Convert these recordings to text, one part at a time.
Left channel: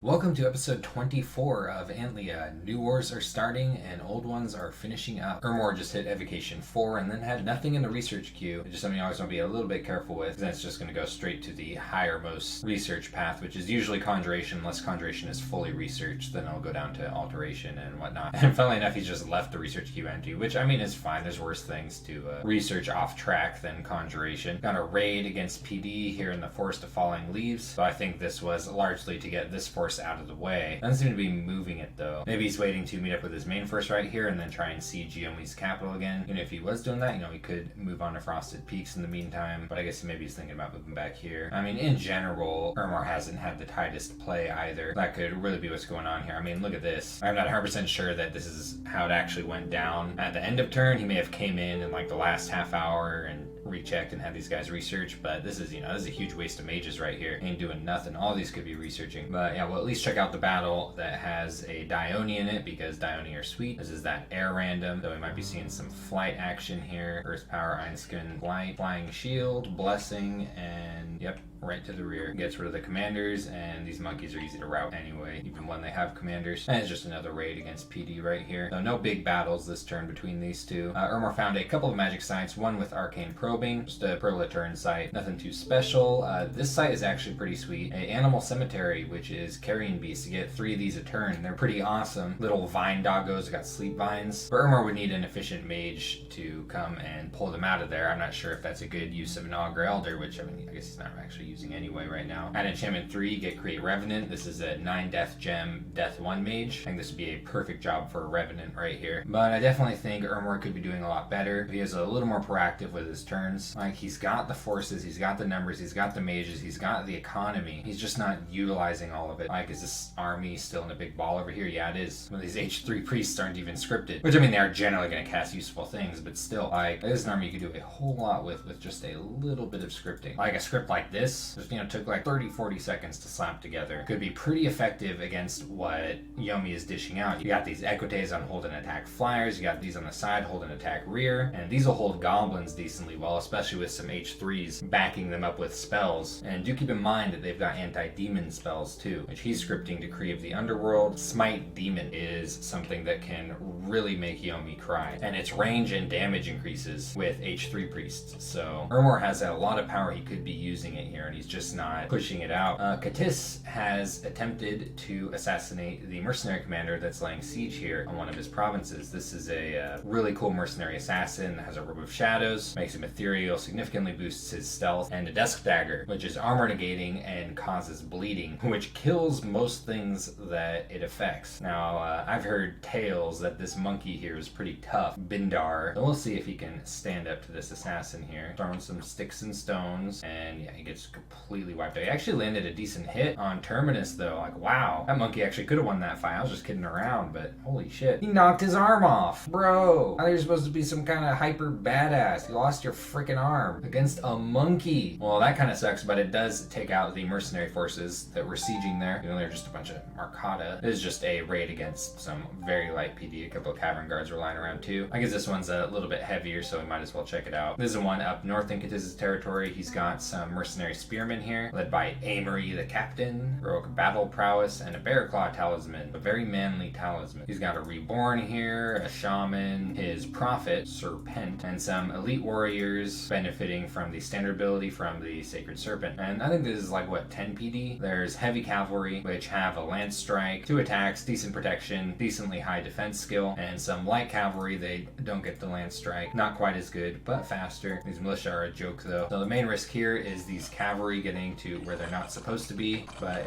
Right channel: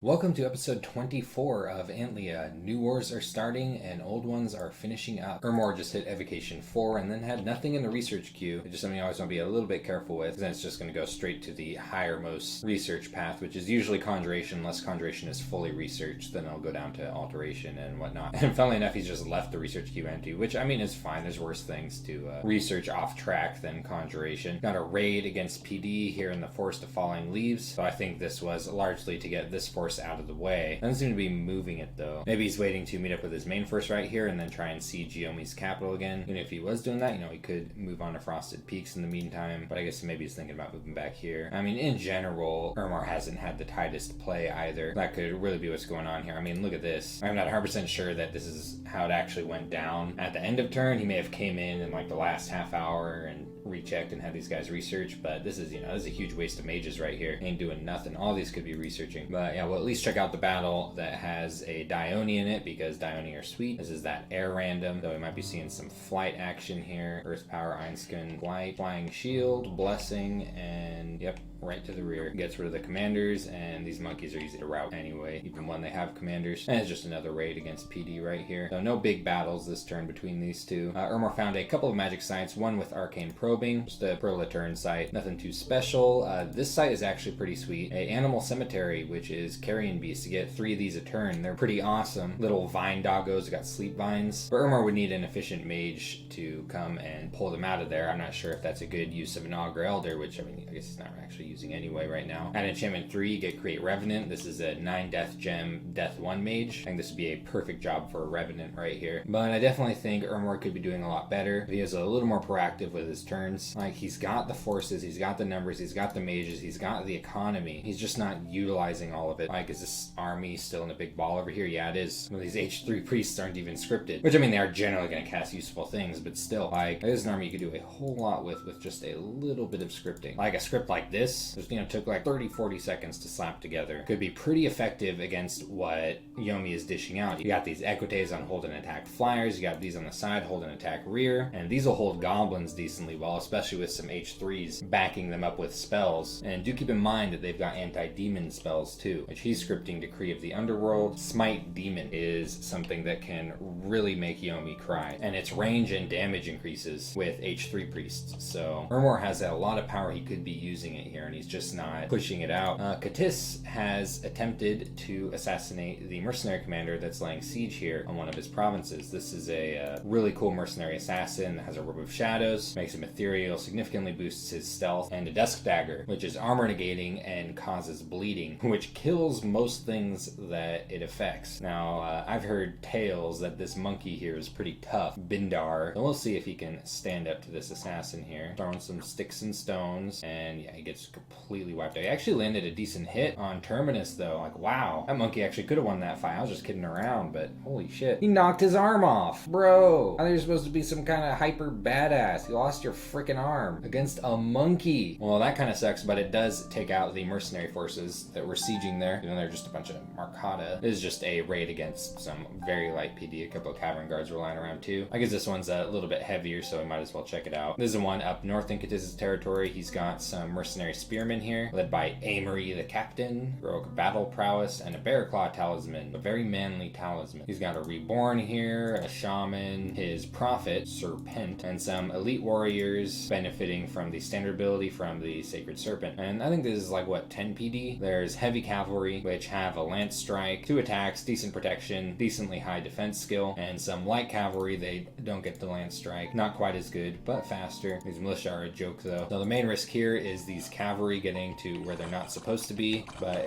Welcome to episode 24 of Antlia. New wars are starting and old ones are finishing up. Ermor just hit Evocation 4 and then had nothing in the research queue. It's just something I always want to be a little bit careful with, because then it's just going to go straight to the highermost research path, which is usually Conjuration. Unless Conjuration is fully researched, then it'll go down to Alteration and whatnot. And funnily enough, he's just left the research queue empty, which I mean is fine. There's worse things to research off track than Conjuration. Got a raid against PD here in the Forest of Falling Leaves, so I think this was largely to get this force out of the way. Doesn't seem to be moving it though. Maybe he's waiting to meet up with his main force right here and then try and siege Yomi's capital again. And if he was doing that, he could move on to Frosted Peaks in the meantime. But I guess maybe he's thinking about moving back here. I mean, in general, Ermor hasn't had the tightest play either. That could really be what's going on here. I mean, look at this. I'm not 100% sure that this is how it actually went down. At the end of turn, he may have came in like the last half hour and rechecked and had these guys research. But this is, this is a huge waste of mages right here. Ain't doing nothing. All these could be researching. But yeah, we'll at least check out the battle that has a Dione in it, because Dione are sweet. This is that air random, though we might be seeing some flight action here. Earth Power, Einskin, Flight, Flying Shield, Blessing, and yep, right to the rear. Gets rid of the commanders, and these monkeys are easy to rout anyway, even when they have commanders. And it's just another raid against PD right here. So no big battles this turn between these two. Ermor found a couple of magic sites, one with Arcane Probing, just a per turn site. Nothing too special. This site is actually pretty sweet. A Animal Cemetery, which is Carrion Beasts. You get 3 of these a turn. They're pretty awesome. Little vine doggos, got sleep vines. But Ermor would need an efficient mage to come and pull them out of there. I'm not sure if that's a good use of an Augur Elder, which I guess he's not actually using anyway right now. At enchantment 3, get Create Revenant. This is a 9 death gem, death 1 mage. I think this would be a perfect job for a Revenant right here. But I definitely think Ermor could be doing a lot better if he is a little more proactive with his turns. Like, he's got the forces, he's got the numbers, he's got the mages, he's got the economy. He's just not utilizing all of it. Like, is this army still in a big ball over here? Yeah, it is. Some of these H3 priests aren't even scripted, which I mean, they are generally going to cast useful things, but still, like, this is an army you could do a whole lot with just a little bit of scripting. Like a script like this, just, took like 30-40 seconds to slap together. Could be pretty effective against what Yomi is dishing out. You got these Equites on hold and attack flyers, you got these on the side hold and attack rear, and these will hold goblins decently well, especially with some H3s backing them up with spells. And do keep in mind that they've got anti-demon spells too, which he's scripting Decree of the Underworld. Smite Demon is something that can really make Yomi cry, and its range and damage increases with H3 priests. So Ermor has a lot of power. He could be using it here, and he's just not pushing it out. Katis has attempted to assassinate the mercenary commander that's laying siege here on one of his provinces. This is a really cool mercenary assassin that has a Robe of Shadows, makes him ethereal, significantly boosts his stealth, and a Dusk Dagger, which is armor negating and causes bleeding, which kills most things that it affects. Now, I've heard tales that this monkey here is pretty tough, Bindar, so we'll see if he can stand up to this assassin here. Throwing some sticks and stones, and yeah, he gets completely wiped out. He actually landed a decent hit on Terminus though. Like, wow, that monkey actually could have won that fight. I was just kidding around, but holy shit. He knocked his arm off. Bro, I thought you're supposed to be some kind of hyper badass. You lost your freaking arm against a monkey. Well, that kind of sucks, but it does take out the mercenary forces that were sieging there. They're just a bunch of Marcata. This is just a raid against some very light PD. A couple of Cavern Guards were lying around too. I guess this one's a little bit heavier, so we might as well check it out. This is the one up north in Katis's territory. He's got some mercenary spearmen here, led by Amory the captain, heroic battle prowess, and a bear claw talisman, a very manly talisman. He's got a reborn here, a shaman, his prophet, Serpent, and some elite warriors benefiting from the standard ability from the sacred serpent. And I think this is like, what, 10 PD? There's heavy cavalry, which have a lance strike, 2 attacks, decent protection, decently high defense skill, and some light cavalry. They don't get the lance strike, not quite as good, but faster. These militia are a joke though. So the main risk here is these cavalry getting to where they're not supposed to be, but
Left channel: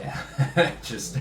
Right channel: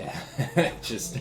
yeah, just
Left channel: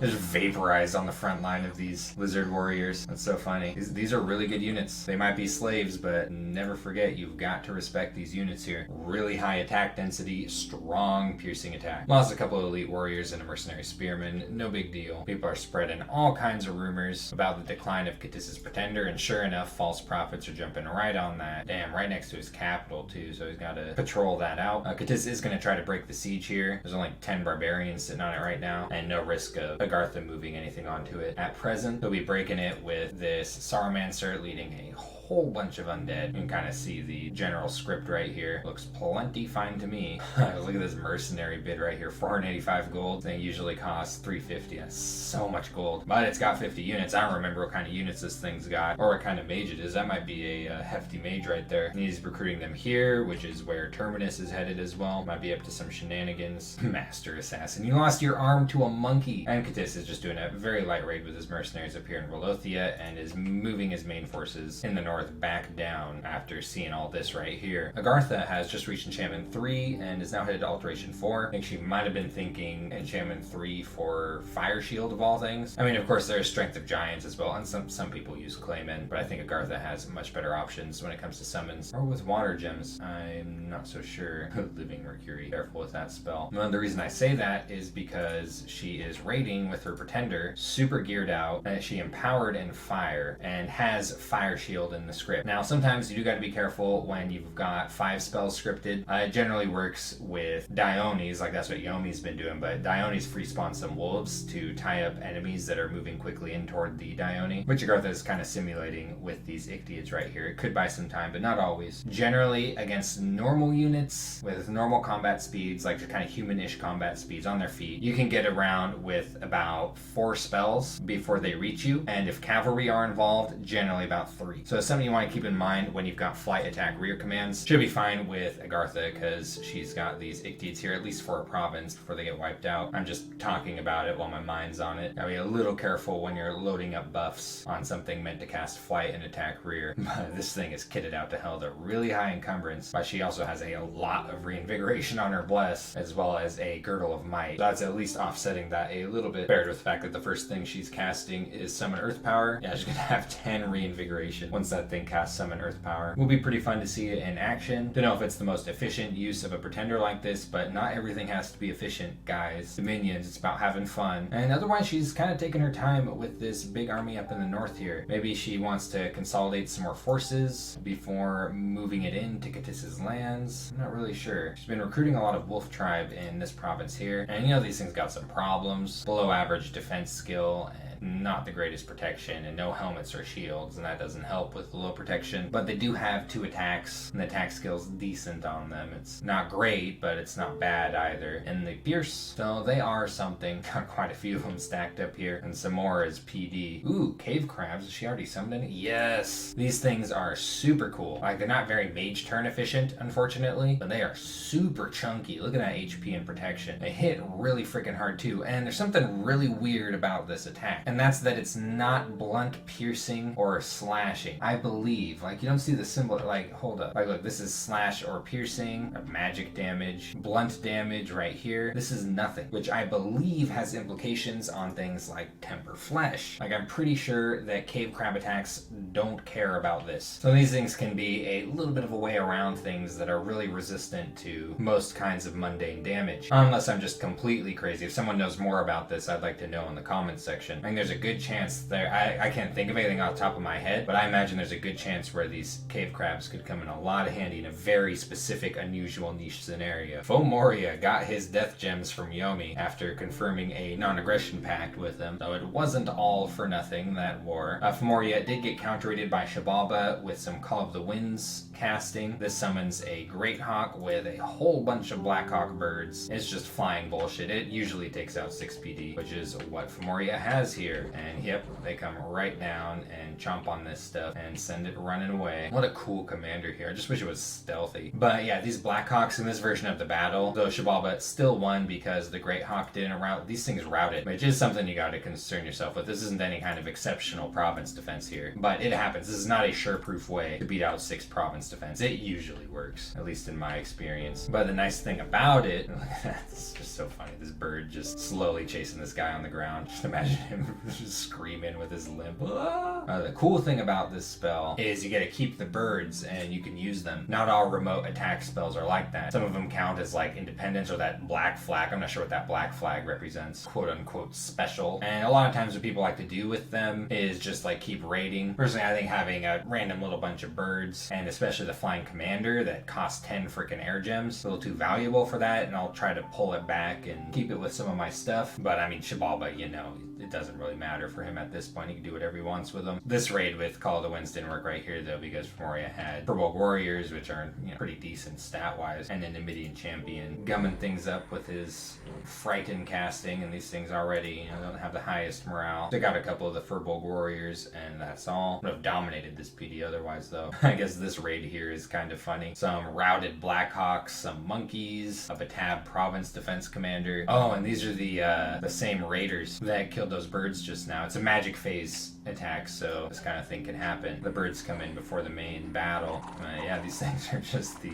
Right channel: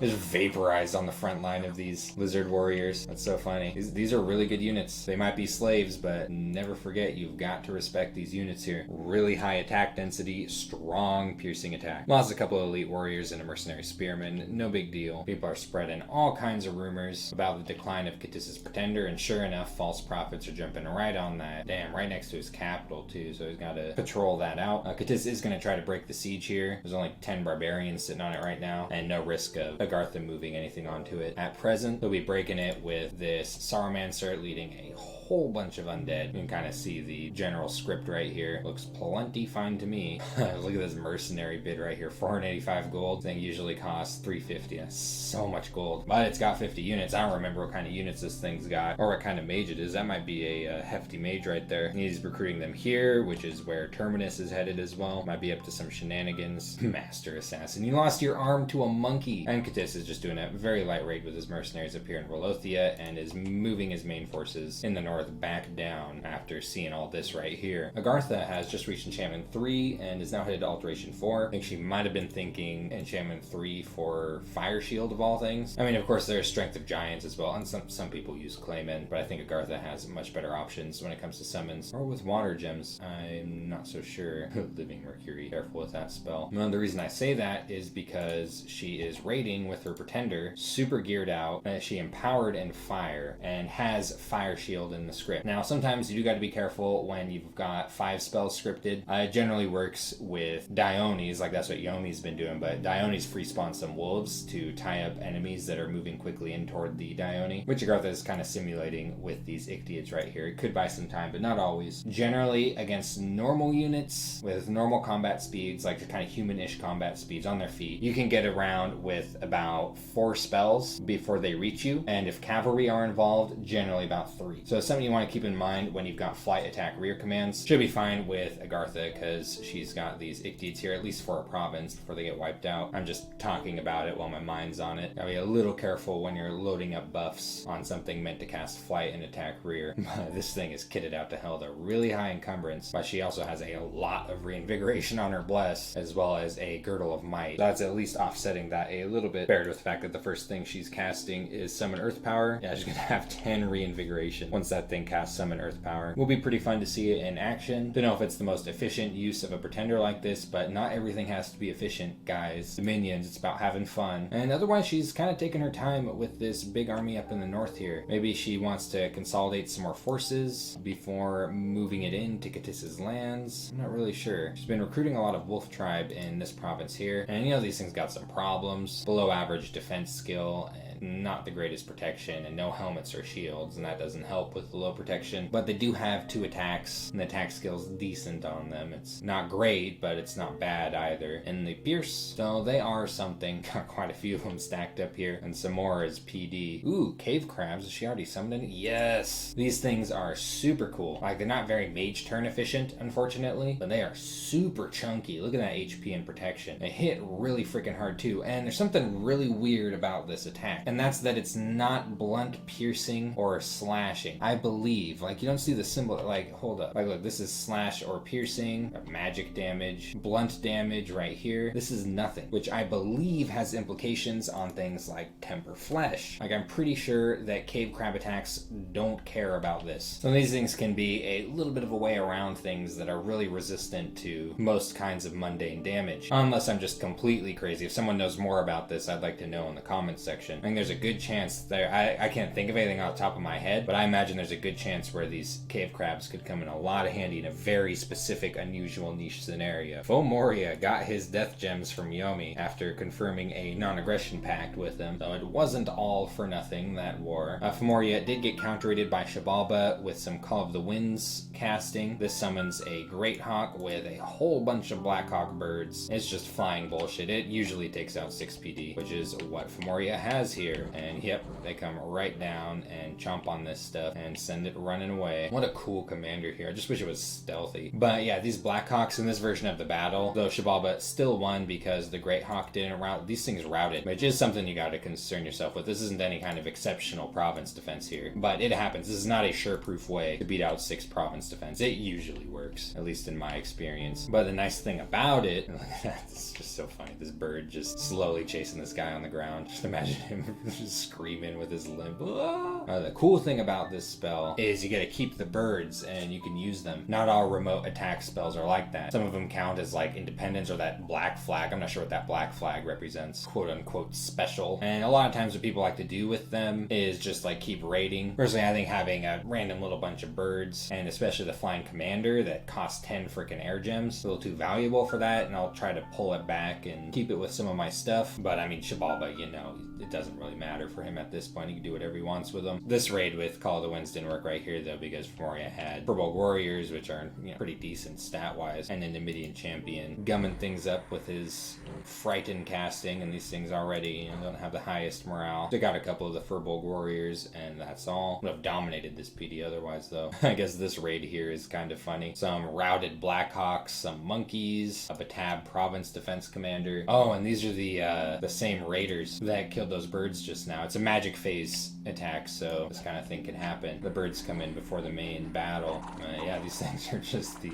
vaporize on the front line of these lizard warriors. That's so funny. These are really good units. They might be slaves, but never forget, you've got to respect these units here. Really high attack density, strong piercing attack. Lost a couple of elite warriors and a mercenary spearman. No big deal. People are spreading all kinds of rumors about the decline of Katis's Pretender, and sure enough, false prophets are jumping right on that. Damn, right next to his capital too, so he's got to patrol that out. Katis is going to try to break the siege here. There's only 10 barbarians sitting on it right now, and no risk of Agartha moving anything onto it at present. He'll be breaking it with this Sarumancer leading a whole bunch of undead. You can kind of see the general script right here. Looks plenty fine to me. Look at this mercenary bid right here. 485 gold. Thing usually costs 350. That's so much gold. But it's got 50 units. I don't remember what kind of units this thing's got or what kind of mage it is. That might be a hefty mage right there. And he's recruiting them here, which is where Terminus is headed as well. Might be up to some shenanigans. Master Assassin. You lost your arm to a monkey. And Catis is just doing a very light raid with his mercenaries up here in Wolothia and is moving his main forces in the north back down after seeing all this right here. Agartha has just reached enchantment 3 and is now headed to alteration 4. I think she might have been thinking enchantment 3 for Fire Shield of all things. I mean, of course, there's Strength of Giants as well, and some people use Clayman, but I think Agartha has much better options when it comes to summons. Or with water gems. I'm not so sure. Living Mercury. Careful with that spell. Well, the reason I say that is because she is raiding with her Pretender, super geared out, that she empowered in fire, and has Fire Shield in the script. Now, sometimes you do got to be careful when you've got 5 spells scripted. It generally works with Diones, like that's what Yomi's been doing, but Diones free spawns some wolves to tie up enemies that are moving quickly in toward the Dione, which Agartha is kind of simulating with these Ictiids right here. It could buy some time, but not always. Generally, against normal units with normal combat speeds, like the kind of human-ish combat speeds on their feet, you can get around with about 4 spells before they reach you, and if cavalry are involved, generally about 3. So it's something you want to keep in mind when you've got flight, attack, rear commands. Should be fine with Agartha because she's got these Ictiids here, at least for a province, before they get wiped out. I'm just talking about it while my mind's on it. Gotta be a little careful when you're loading up buffs on something meant to cast flight and attack rear. But this thing is kitted out to hell. They're really high encumbrance, but she also has a lot of reinvigoration on her bless, as well as a girdle of might. So that's at least offsetting that a little bit, paired with the fact that the first thing she's casting is summon earth power. Yeah, she's gonna have 10 reinvigoration once that thing casts summon earth power. Will be pretty fun to see it in action. Don't know if it's the most efficient use of a Pretender like this, but not everything has to be efficient, guys. Dominions, it's about having fun. And otherwise, she's kind of taking her time with this big army up in the north here. Maybe she wants to consolidate some more forces before moving it into Catis's lands. I'm not really sure. She's been recruiting a lot of wolf tribe in this province here, and you know these things got some problems. Below average defense skill, and not the greatest protection, and no helmets or shields, and that doesn't help with the low protection. But they do have 2 attacks, and the attack skill's decent on them. It's not great, but it's not bad either. And they pierce, so they are something. Got quite a few of them stacked up here, and some more is PD. Ooh, cave crabs. Is she already summoned any? Yes! These things are super cool. Like, they're not very mage turn efficient, unfortunately, but they are super chunky. Look at that HP and protection. They hit really freaking hard too, and there's something really weird about this attack. And that's that it's not blunt piercing or slashing. I believe, like, you don't see the symbol, like, hold up. Like, look, this is slash or piercing, or magic damage, blunt damage right here. This is nothing, which I believe has implications on things like temper flesh. Like, I'm pretty sure that cave crab attacks don't care about this. So these things can be a little bit of a way around things that are really resistant to most kinds of mundane damage. Unless I'm just completely crazy. If someone knows more about this, I'd like to know in the comments section. I think there's a good chance there. I can't think of anything off the top of my head, but I imagine there's a good chance where these cave crabs could come in a lot of handy in a very specific, unusual niche scenario. Fomoria got his death gems from Yomi after confirming a non-aggression pact with them, so it wasn't all for nothing, that war. Fomoria did get counter-raided by Shabalba with some Call of the Winds casting. This summons a Great Hawk with a whole bunch of Black Hawk birds. It's just flying bullshit. It usually takes out 6 PD, which is what Fomoria has here. And yep, they come right down and chomp on this stuff and send it running away. What a cool commander here. I just wish it was stealthy. But yeah, these Black Hawks in this version of the battle, though Shabalba still won because the Great Hawk didn't rout. These things routed, which is something you got to concern yourself with. This isn't any kind of exceptional province defense here, but it happens. This is not a sure-proof way to beat out 6 province defense. It usually works, at least in my experience. But the nice thing about it, it's just so funny. This bird just slowly chasing this guy on the ground. Just imagine him just screaming with his limp. The cool thing about this spell is you get to keep the birds and you can use them. Not all remote attack spells are like that. Some of them count as like independence or that black flag. I'm not sure what that black flag represents. Quote unquote special. And a lot of times what people like to do with them is just like keep raiding. Personally, I think having a random little bunch of birds, and especially the flying commander that costs 10 freaking air gems, a little too valuable for that, and I'll try to pull it back and keep it with some of my stuff. But I mean, Shabalba, you know, it doesn't really really matter for him at this point. He can do whatever he wants with them. This raid with Call of the Winds didn't work right here though, because Femoria had Purple Warriors, which are pretty decent stat-wise, and then the Midian Champion gumming things up with his Frighten casting, and these things already don't have the highest morale. Took out a couple of the Furbolg Warriors, and that's all. Would have dominated this PD otherwise though. I guess this raid here is kind of funny. Some routed Blackhawks, some monkeys, a Batab province defense commander. Oh, and these are the same raiders that killed those birds just now. It's a magic phase attack, so this kind of thing can happen. The birds come in before the main battle. Yeah, these things are just the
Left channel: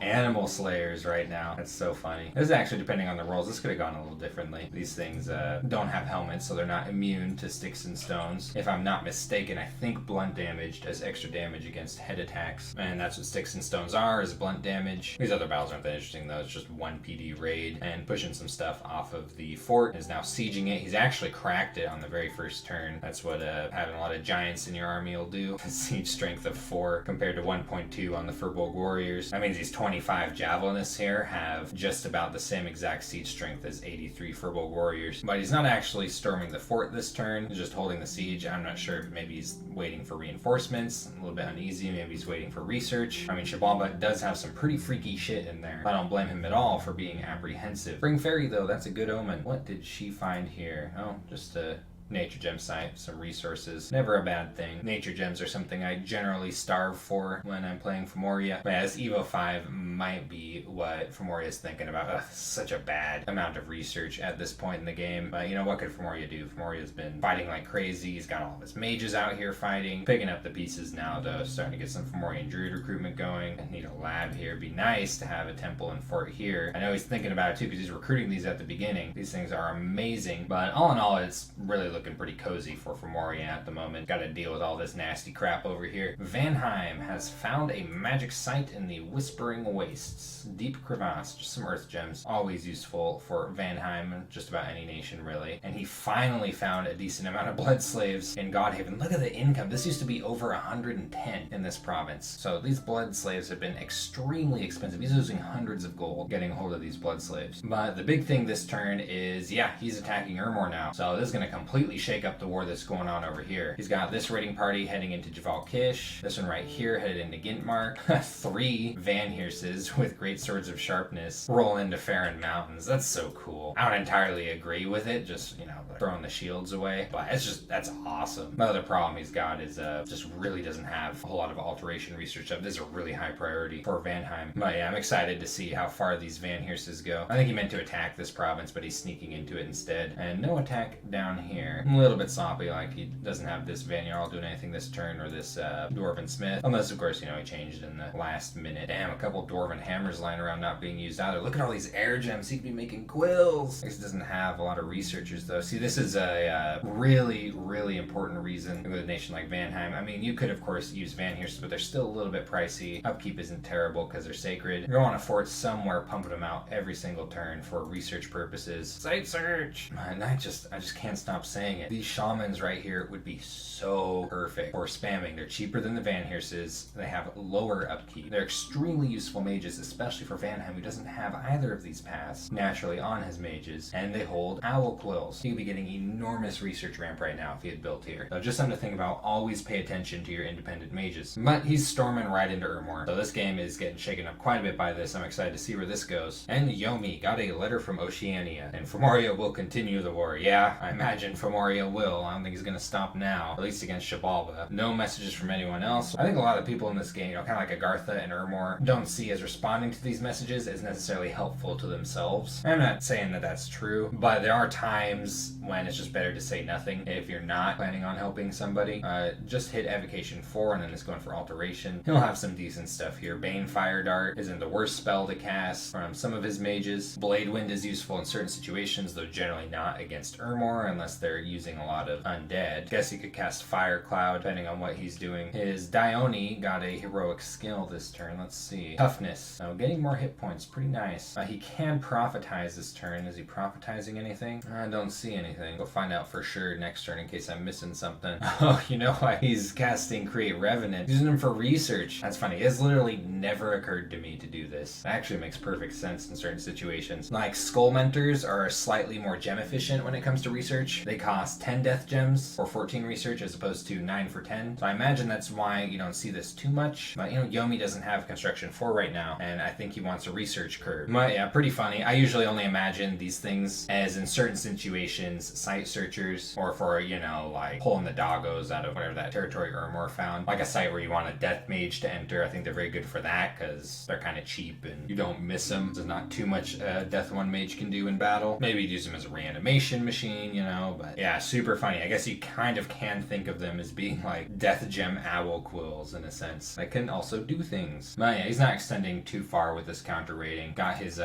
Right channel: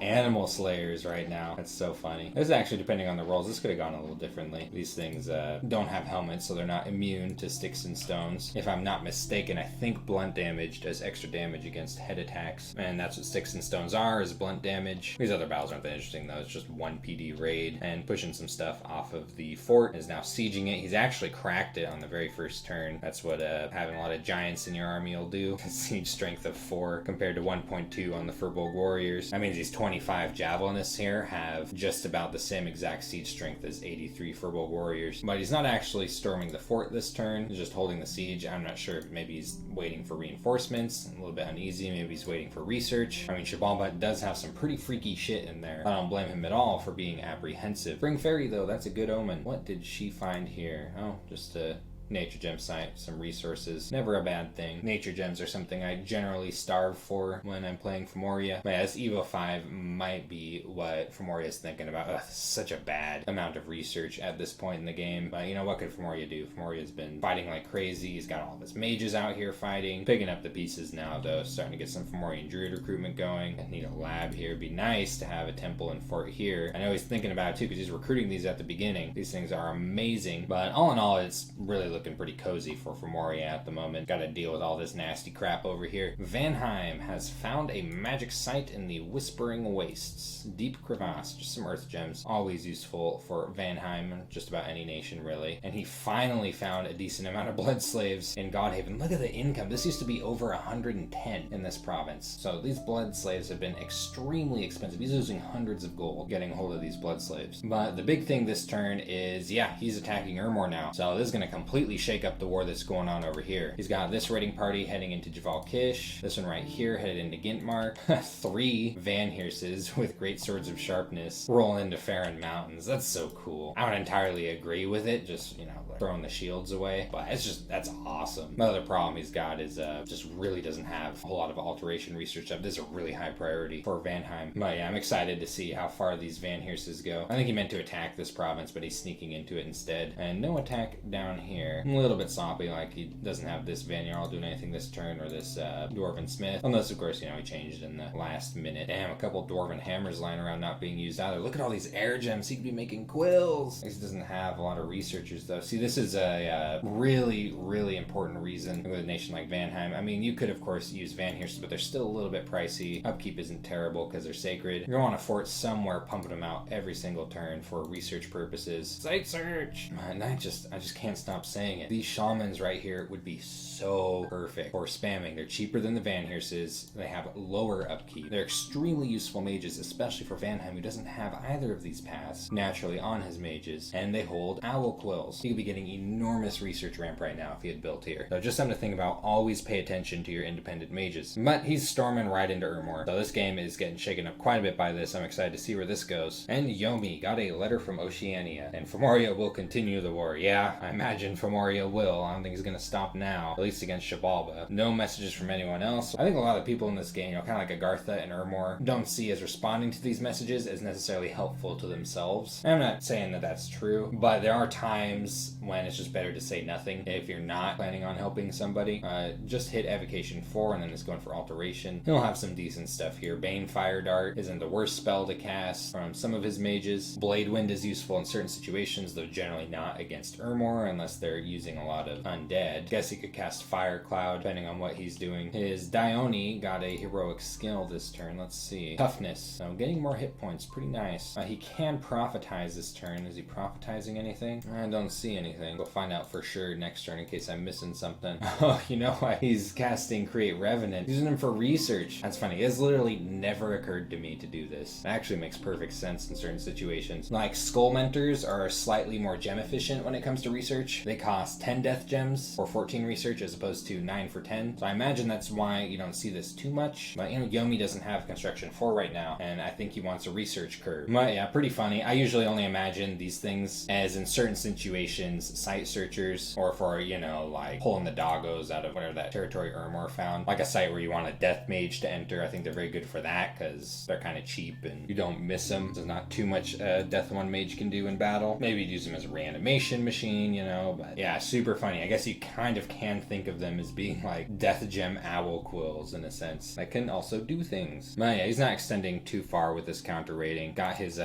animal slayers right now. That's so funny. This is actually, depending on the rolls, this could have gone a little differently. These things don't have helmets, so they're not immune to sticks and stones. If I'm not mistaken, I think blunt damage does extra damage against head attacks, and that's what sticks and stones are, is blunt damage. These other battles aren't that interesting though. It's just one PD raid, and pushing some stuff off of the fort, is now sieging it. He's actually cracked it on the very first turn. That's what having a lot of giants in your army will do. Siege strength of 4 compared to 1.2 on the Furbolg Warriors. That means he's 25 Javelinists here have just about the same exact siege strength as 83 Furbolg Warriors. But he's not actually storming the fort this turn, he's just holding the siege. I'm not sure, maybe he's waiting for reinforcements, a little bit uneasy, maybe he's waiting for research. I mean, Xibalba does have some pretty freaky shit in there. I don't blame him at all for being apprehensive. Bring Fairy though, that's a good omen. What did she find here? Oh, just a nature gem site, some resources. Never a bad thing. Nature gems are something I generally starve for when I'm playing Femoria. But yeah, this Evo 5 might be what Femoria is thinking about. Ugh, such a bad amount of research at this point in the game. But what could Femoria do? Femoria's been fighting like crazy. He's got all of his mages out here fighting. Picking up the pieces now though, starting to get some Fomorian Druid recruitment going. I need a lab here. It'd be nice to have a temple and fort here. I know he's thinking about it too, because he's recruiting these at the beginning. These things are amazing. But all in all, it's really looking pretty cozy for Femoria at the moment. Got to deal with all this nasty crap over here. Vanaheim has found a magic site in the Whispering Wastes. Deep crevasse, just some earth gems. Always useful for Vanaheim, just about any nation really. And he finally found a decent amount of blood slaves in Godhaven. Look at the income. This used to be over 110 in this province. So these blood slaves have been extremely expensive. He's losing hundreds of gold getting a hold of these blood slaves. But the big thing this turn is, yeah, he's attacking Urmor now. So this is going to completely shake up the war that's going on over here. He's got this raiding party heading into Javal Kish. This one right here headed into Gintmark. 3 Van Heerses with great swords of sharpness roll into Farron Mountains. That's so cool. I don't entirely agree with it, just, throwing the shields away. But that's awesome. The other problem he's got is just really doesn't have a whole lot of alteration research up. This is a really high priority for Vanaheim. But yeah, I'm excited to see how far these Van Heerses go. I think he meant to attack this province, but he's sneaking into it instead. And no attack down here. A little bit sloppy, like he doesn't have this Vanyarl doing anything this turn, or this Dwarven Smith, unless of course he changed in the last minute. Damn, a couple Dwarven Hammers lying around not being used either. Look at all these air gems, he could be making quills. He doesn't have a lot of researchers though. See, this is a really important reason with a nation like Vanaheim. I mean, you could of course use Van Heersen, but they're still a little bit pricey. Upkeep isn't terrible because they're sacred. You're going to fort somewhere, pumping them out every single turn for research purposes. Site search! And I just can't stop saying it. These shamans right here would be so perfect for spamming. They're cheaper than the Van Heerses. They have lower upkeep. They're extremely useful mages, especially for Vanaheim, who doesn't have either of these paths naturally on his mages, and they hold owl quills. He'd be getting enormous research ramp right now if he had built here. So just something to think about. Always pay attention to your independent mages. But he's storming right into Urmor. So this game is getting shaken up quite a bit by this. I'm excited to see where this goes. And Yomi got a letter from Oceania, and Femoria will continue the war. Yeah, I imagine Femoria will. I don't think he's going to stop now, at least against Xibalba. No messages from anyone else. I think a lot of people in this game, kind of like Agartha and Urmor, don't see as responding to these messages as necessarily helpful to themselves. I'm not saying that that's true, but there are times when it's just better to say nothing if you're not planning on helping somebody. Just hit Evocation 4 and then it's going for Alteration. He'll have some decent stuff here. Bane Fire Dart isn't the worst spell to cast from some of his mages. Blade Wind is useful in certain situations, though generally not against Urmor unless they're using a lot of undead. Guess he could cast Fire Cloud depending on what he's doing. His Dione got a heroic skill this turn. Let's see. Toughness. So getting more hit points. Pretty nice. He can prophetize this turn. Is he prophetizing anything? I don't see anything. We'll find out for sure next turn in case I'm missing something. Oh, you know why he's casting Create Revenant? He's using him for research. That's funny. It has literally never occurred to me to do this. It actually makes perfect sense in certain situations. Like Skull Mentors are slightly more gem efficient when it comes to research. They cost 10 death gems or 14 research as opposed to 9 for 10. So I imagine that's why you don't see this too much. But Yomi doesn't have construction 4 right now, and I think he wants a research curve. But yeah, pretty funny. I usually only imagine these things as in certain situations, site searchers, or for, like pulling the doggos out of whatever that territory Ermor found. Like a site where you want a death mage to enter. I think they're very good for that because they're kind of cheap and you don't miss them. There's not too much death one mage can do in battle. Maybe you'd use them as a reanimation machine, but yeah, super funny. I guess you kind of can think of them as being like death gem owl quills in a sense. That can also do things. But yeah, he's not extending too far with this counter rating. Got his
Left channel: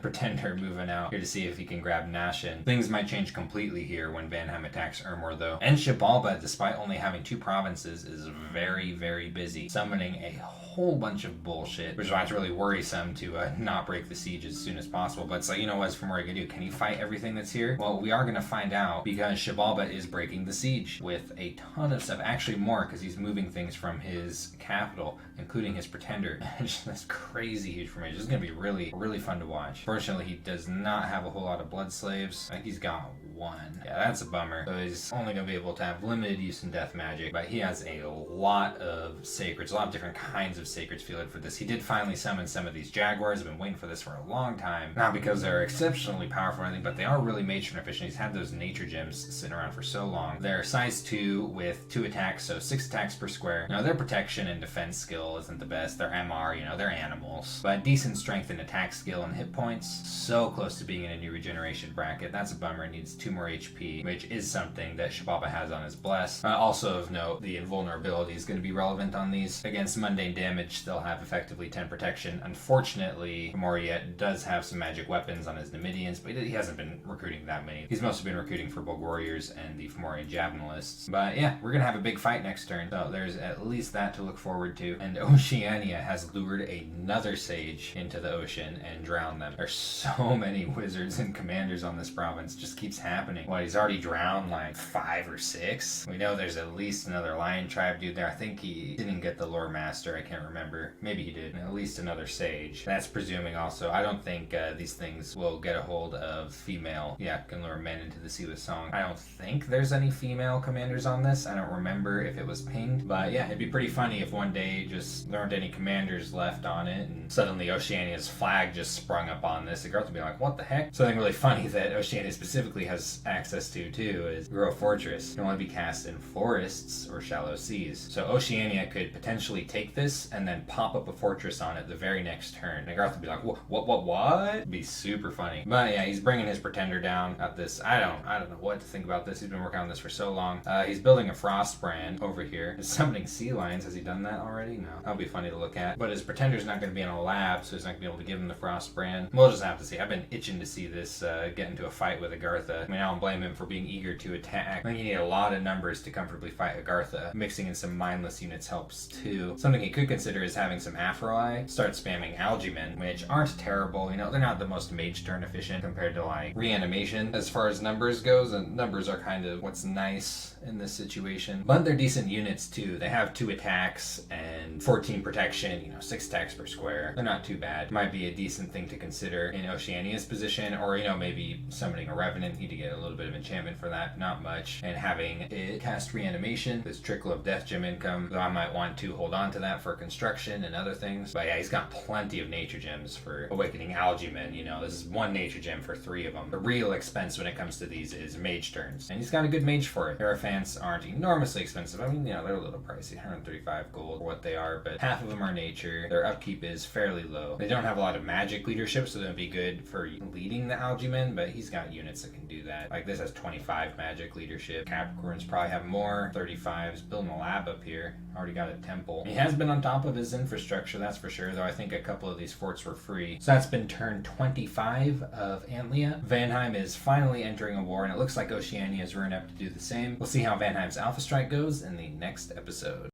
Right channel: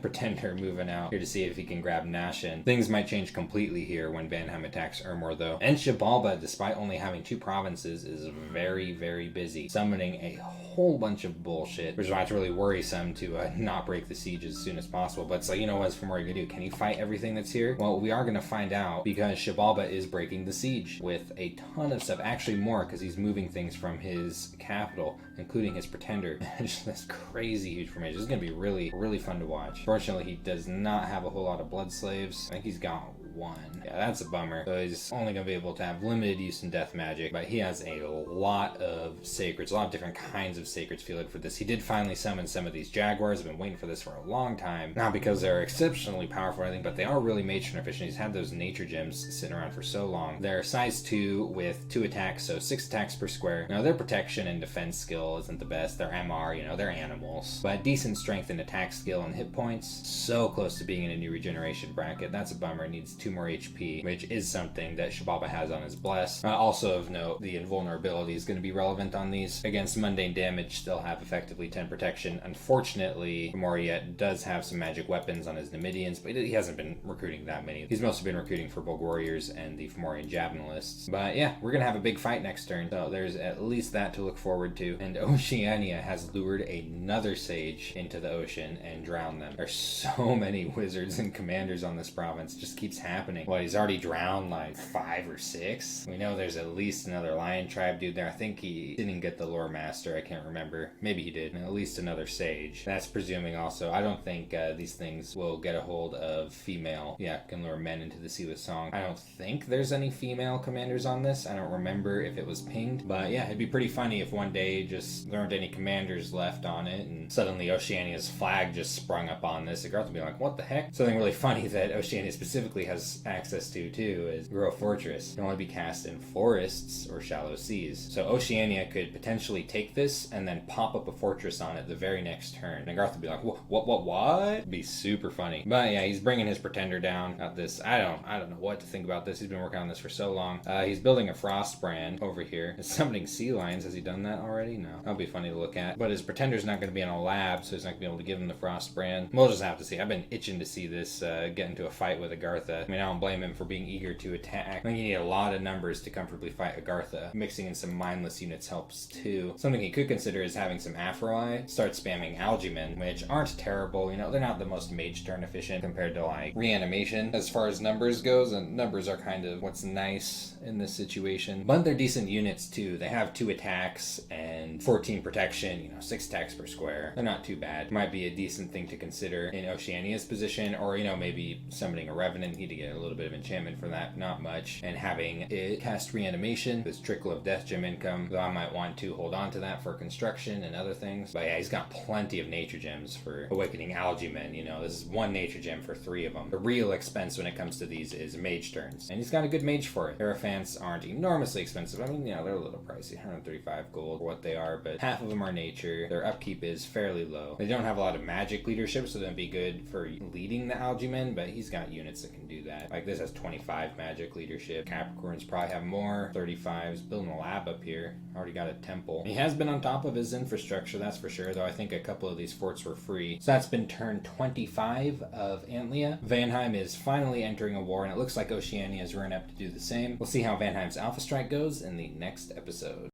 pretender moving out here to see if he can grab Nashin. Things might change completely here when Vanaheim attacks Ermor though. And Xibalba, despite only having 2 provinces, is very, very busy, summoning a whole bunch of bullshit, which is why it's really worrisome to not break the siege as soon as possible. But it's like, what's from where you gonna do? Can he fight everything that's here? Well, we are gonna find out because Xibalba is breaking the siege with a ton of stuff, actually more because he's moving things from his capital, including his pretender. That's crazy huge formation. This is gonna be really, really fun to watch. Fortunately, he does not have a whole lot of blood slaves. I think he's got 1. Yeah, that's a bummer. So he's only going to be able to have limited use in death magic, but he has a lot of sacreds, a lot of different kinds of sacreds fielded for this. He did finally summon some of these jaguars. I've been waiting for this for a long time. Not because they're exceptionally powerful or anything, but they are really mage turn efficient. He's had those nature gems sitting around for so long. They're size 2 with 2 attacks, so 6 attacks per square. Now, their protection and defense skill isn't the best. Their MR, they're animals. But decent strength and attack skill and hit points. So close to being in a new regeneration bracket. That's a bummer. It needs 2 more HP, which is something that Xibalba has on his bless. Also of note, the invulnerability is going to be relevant on these. Against mundane damage, still have effectively 10 protection. Unfortunately, Moriet does have some magic weapons on his Numidians, but he hasn't been recruiting that many. He's mostly been recruiting for Bulg Warriors and the Fomorian Javelinists. But yeah, we're going to have a big fight next turn, so there's at least that to look forward to. And Oceania has lured another sage into the ocean and drowned them. There's so many wizards and commanders on this province. Just keeps happening. Well, he's already drowned like 5 or 6. We know there's at least another lion tribe dude there. I think he didn't get the lore master. I can't remember. Maybe he did. And at least another sage. That's presuming also. I don't think these things will get a hold of female. Yeah, can lure men into the sea with song. I don't think there's any female commanders on this. I don't remember if it was pinged. But yeah, it'd be pretty funny if one day just there aren't any commanders left on it and suddenly Oceania's flag just sprung up on this. The girl would be like, what the heck? Something really funny that Oceania specifically has access to too is Grove Fortress. It can only be cast in forests or shallow seas. So Oceania could potentially take this and then pop up a fortress on it the very next turn. And Garth would be like, what? It'd be super funny. But yeah, he's bringing his pretender down at this. I don't know what to think about this. He's been working on this for so long. He's building a Frostbrand over here. He's summoning sea lions. Has he done that already? No. That'll be funny to look at. But his pretender's not going to be in a lab, so he's not going to be able to give him the Frostbrand. We'll just have to see. I've been itching to see this get into a fight with Agartha. I mean, I don't blame him for being eager to attack. I think you need a lot of numbers to comfortably fight Agartha. Mixing in some mindless units helps too. Something he could consider is having some Aphrodite. Start spamming Algimen, which aren't terrible. They're not the most mage turn efficient compared to like reanimation as far as numbers goes, and numbers are kind of what's nice in this situation. But they're decent units too. They have 2 attacks and 14 protection, 6 attacks per square. They're not too bad. Might be a decent thing to consider in Oceania's position, or maybe summoning a Revenant. He'd get a little bit of enchantment for that, not much. And having it cast reanimation, this trickle of death gem income, though I might want to hold on to that for construction and other things. But yeah, he's got plenty of nature gems for awakening Algimen. This is 1 nature gem for 3 of them. The real expense when it comes to these is mage turns, and he's got a good mage for it. Hierophants aren't enormously expensive. I mean, they're a little pricey, 135 gold for what they are, but half of them are nature. Their upkeep is fairly low. They don't have a lot of magic leadership, so they'd be good for leading the Algimen, but he's got units that can do that. Like this has 25 magic leadership. Capricorns probably have more. 35s. Building a lab up here. Already got a temple. He has been on top of his infrastructure, that's for sure, though I think a couple of these forts were free. So that's been turn 25 of Antlia. Vanaheim is finally entering a war, and it looks like Oceania is rearing up to do the same. We'll see how Vanaheim's Alpha Strike goes in the next episode.